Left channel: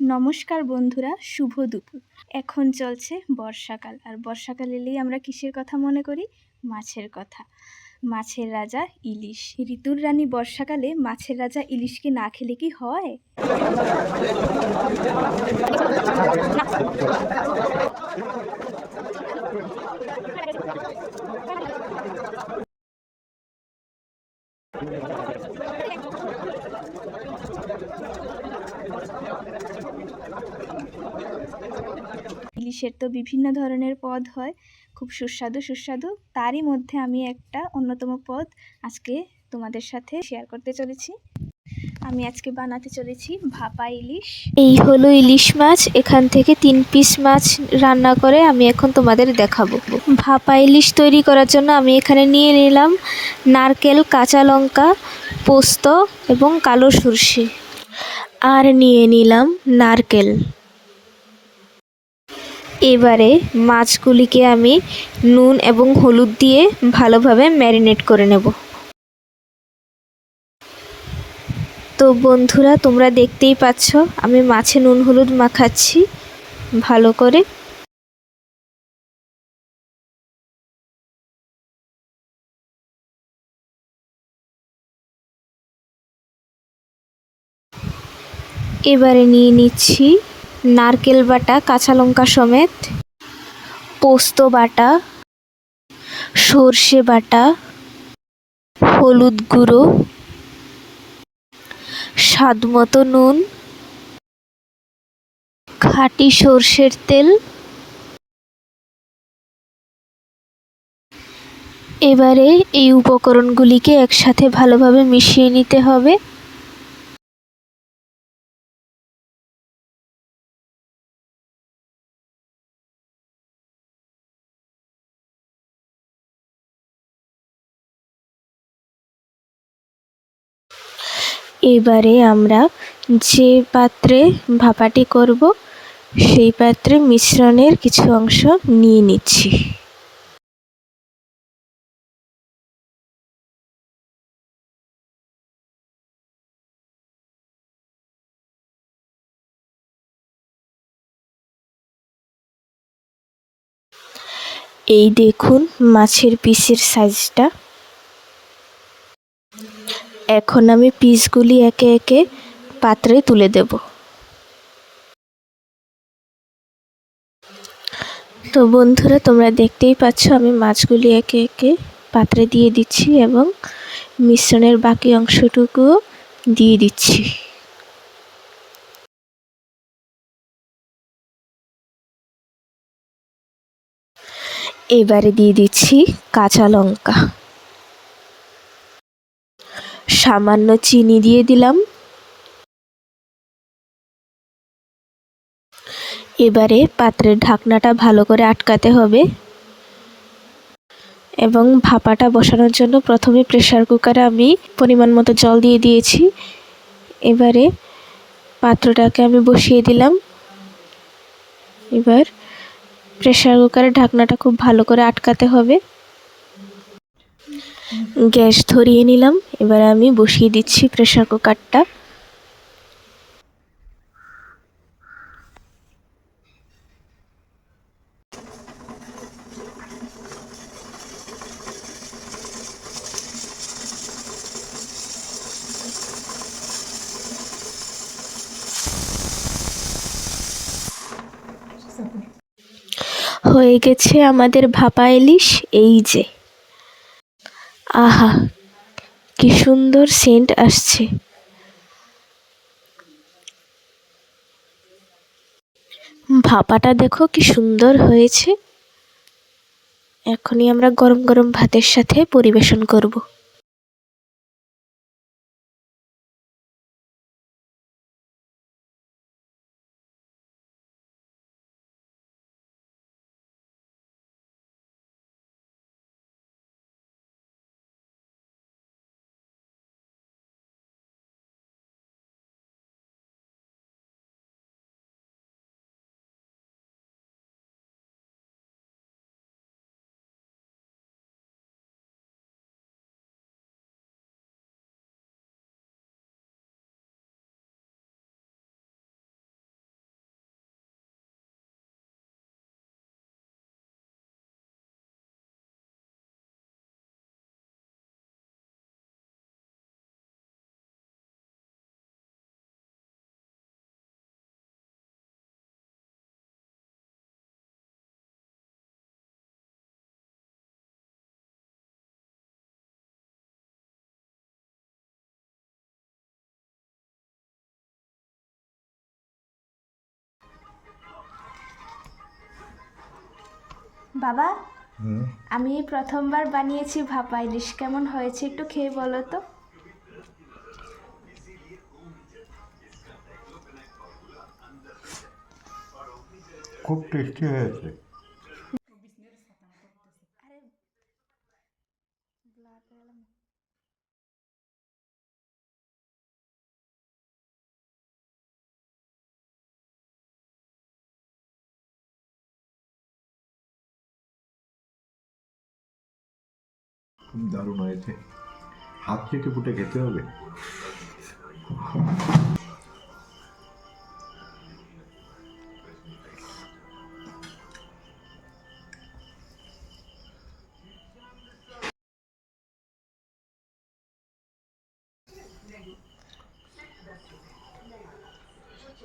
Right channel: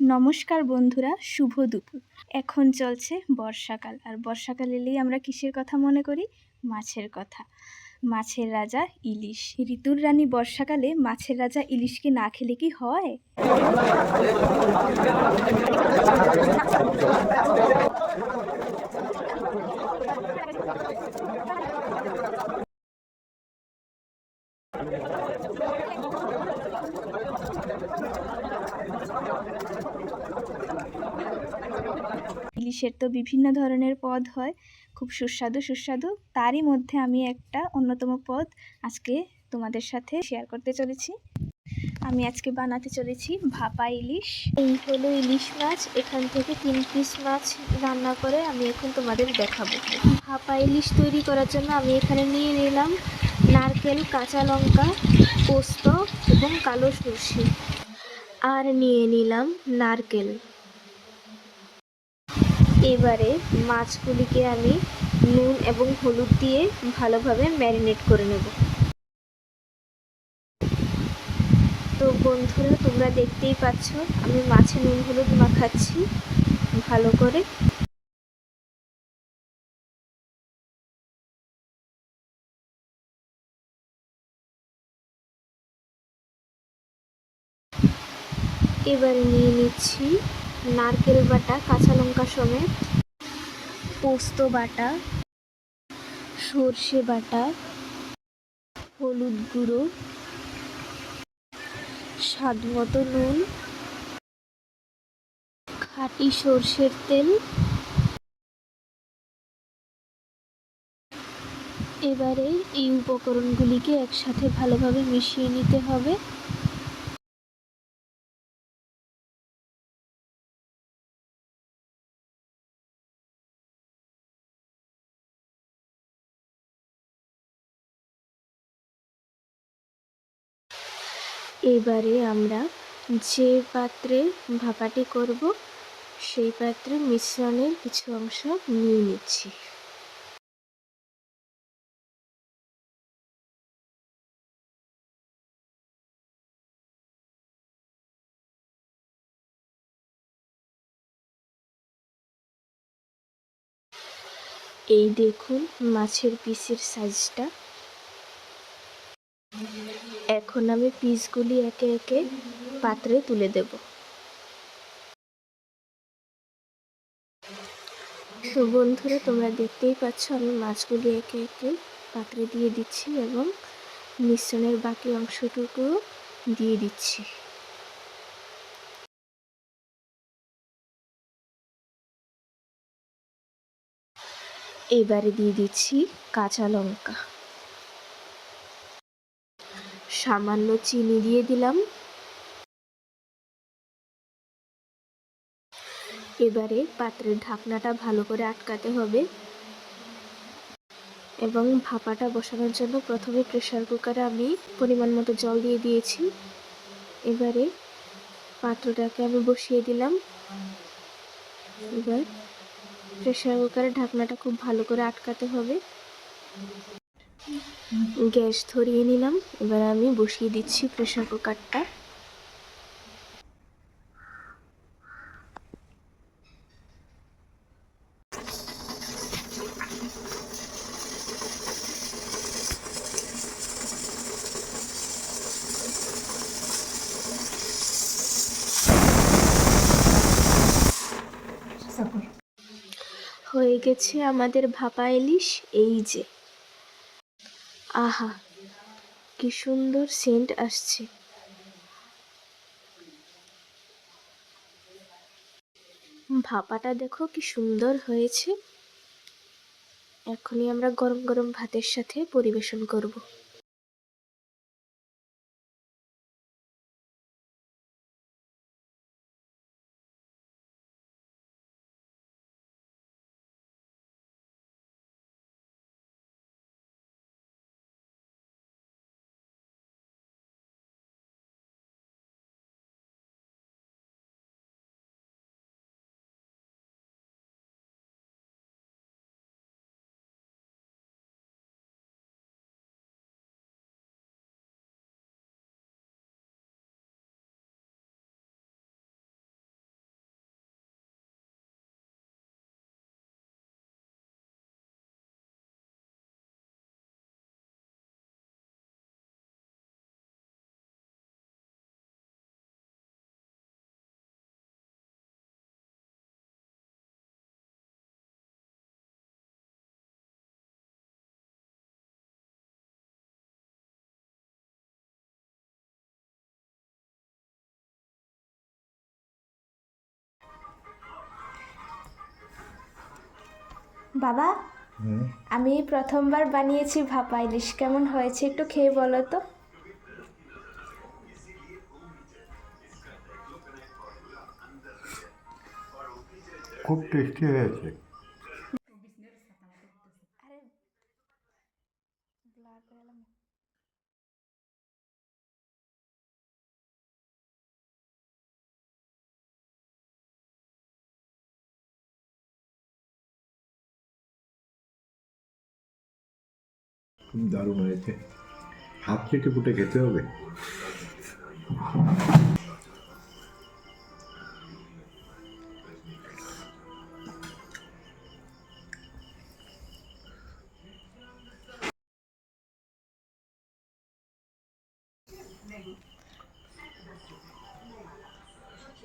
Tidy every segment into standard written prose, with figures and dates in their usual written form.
নমস্কার বন্ধুরা, শুভ দুপুর। এখন চলছে বর্ষাকাল, আর বর্ষাকাল এলেই আমরা কিসের কথা মনে করি? মাছের কথা। মাছের রাজা ইলিশ। ঋতুর রানী বর্ষাকালে মাছের রাজা ইলিশকে না খেলে কি হয়? ইলিশের তো বিভিন্ন ধরনের পদ হয়, খুব সুস্বাদু সুস্বাদু। তারই মধ্যে আমি একটা অন্যতম পদ আজকে তোমাদের সাথে শেয়ার করতে চলেছি। আমি আজকে বানাতে চলেছি ভাপা ইলিশ। এই হলো ইলিশ মাছ। এখান থেকে 3 পিস মাছ রান্না করে আমি এখন তোমাদের দেখাবো। ভাপা ইলিশ তৈরি করার জন্য আমি এখানে নিয়ে নিলাম নারকেল, কাঁচা লঙ্কা, পোস্ত এবং কালো সরষে, আর নিয়ে নিলাম নারকেল। এবারে মাছগুলিকে আমি নুন এবং হলুদ দিয়ে ভালোভাবে ম্যারিনেট করে নেব। তো বন্ধুরা, তোমরা দেখতেই পাচ্ছ আমি মাছে নুন হলুদ মাখাচ্ছি ভালো করে। এবারে নিয়ে নিচ্ছি নারকেল বাটা, কাঁচা লঙ্কা সমেত, পোস্ত বাটা, সর্ষে বাটা, হলুদ গুঁড়ো, স্বাদ মতো নুন, খাঁটি সর্ষের তেল। এবারে এই উপকরণগুলিকে একসাথে ভালোভাবে মিশিয়ে নিতে হবে। এবারে আমরা যে পাত্রে ভাপাটি করব সেই পাত্রে মিশ্রণের কিছু অংশ নিয়ে নিচ্ছি। এই দেখুন মাছের পিসের সাইজটা। এখন আমি পিসগুলি একে একে পাত্রে তুলে দেব। তো বন্ধুরা, তোমরা দেখতেই পাচ্ছ আমি মাছগুলি একে একে পাত্রে দিয়ে দিচ্ছি এবং মিশ্রণের বাকি অংশটুকুও দিয়ে দিচ্ছি। এবারে দিয়ে দিচ্ছি কাঁচা লঙ্কা, সামান্য চিনি দিয়ে দিলাম। এবারে পাত্রের ঢাকনাটা ভালো করে আটকাতে হবে এবং ভাপাটা বসানোর জন্য প্রথমে প্রেসার কুকারে আমি পরিমাণ মতো জল দিয়ে দিয়েছি। এবারে পাত্রটাকে আমি বসিয়ে দিলাম। এবার প্রেসার কুকারের ঢাকনাটা খুব ভালো করে আটকাতে হবে। গ্যাস ধরিয়ে নিলাম। এবার আমি বসিয়ে দিচ্ছি প্রেসার কুকারটা। হয়ে গেছে আমাদের ভাপা ইলিশ। এই যে, আহা, কি সুন্দর সেন্ট আসছে। ভাপাটা দেখো কি সুন্দর হয়েছে। এখনই আমরা গরম গরম ভাতের সাথে পরিবেশন করব। বাবা, হুম, আমি প্রথমবার বানিয়েছি ভাপা ইলিশ, কেমন হয়েছে একটু খেয়ে বলো তো। খুব টেস্টি হয়েছে। খুব দারুণ হয়েছে, হাত চেটে পুটে খেতে হবে।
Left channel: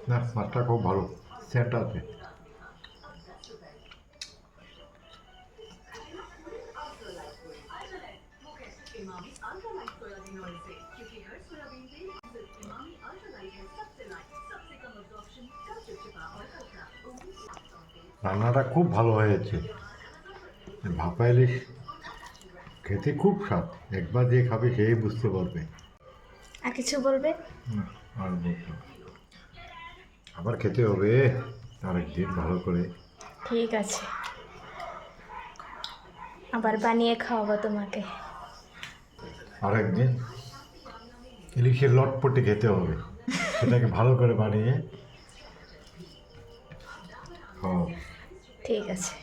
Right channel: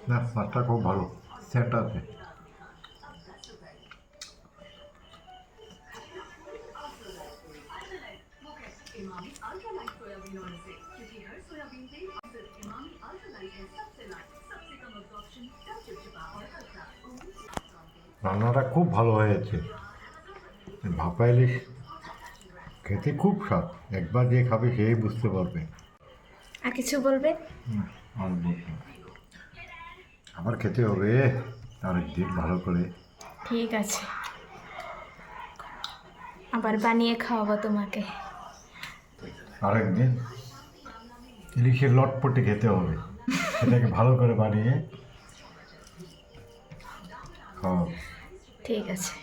না, মাছটা খুব ভালো, সেন্ট আছে। রান্নাটা খুব ভালো হয়েছে। ভাপা ইলিশ খেতে খুব স্বাদ, একবার যে খাবে সেই বুঝতে পারবে। আর কিছু বলবে? না, আর বলতে হবে না। আবার খেতে হবে আরেকদিন ভালো করে। ঠিক আছে, আবার বানিয়ে খাওয়াবো তোমাকে। আরেকদিন ইলিশের লটপটে খেতে হবে, সেটাকে ভালো করে বানিয়ে খাওয়াবো। ঠিক আছে।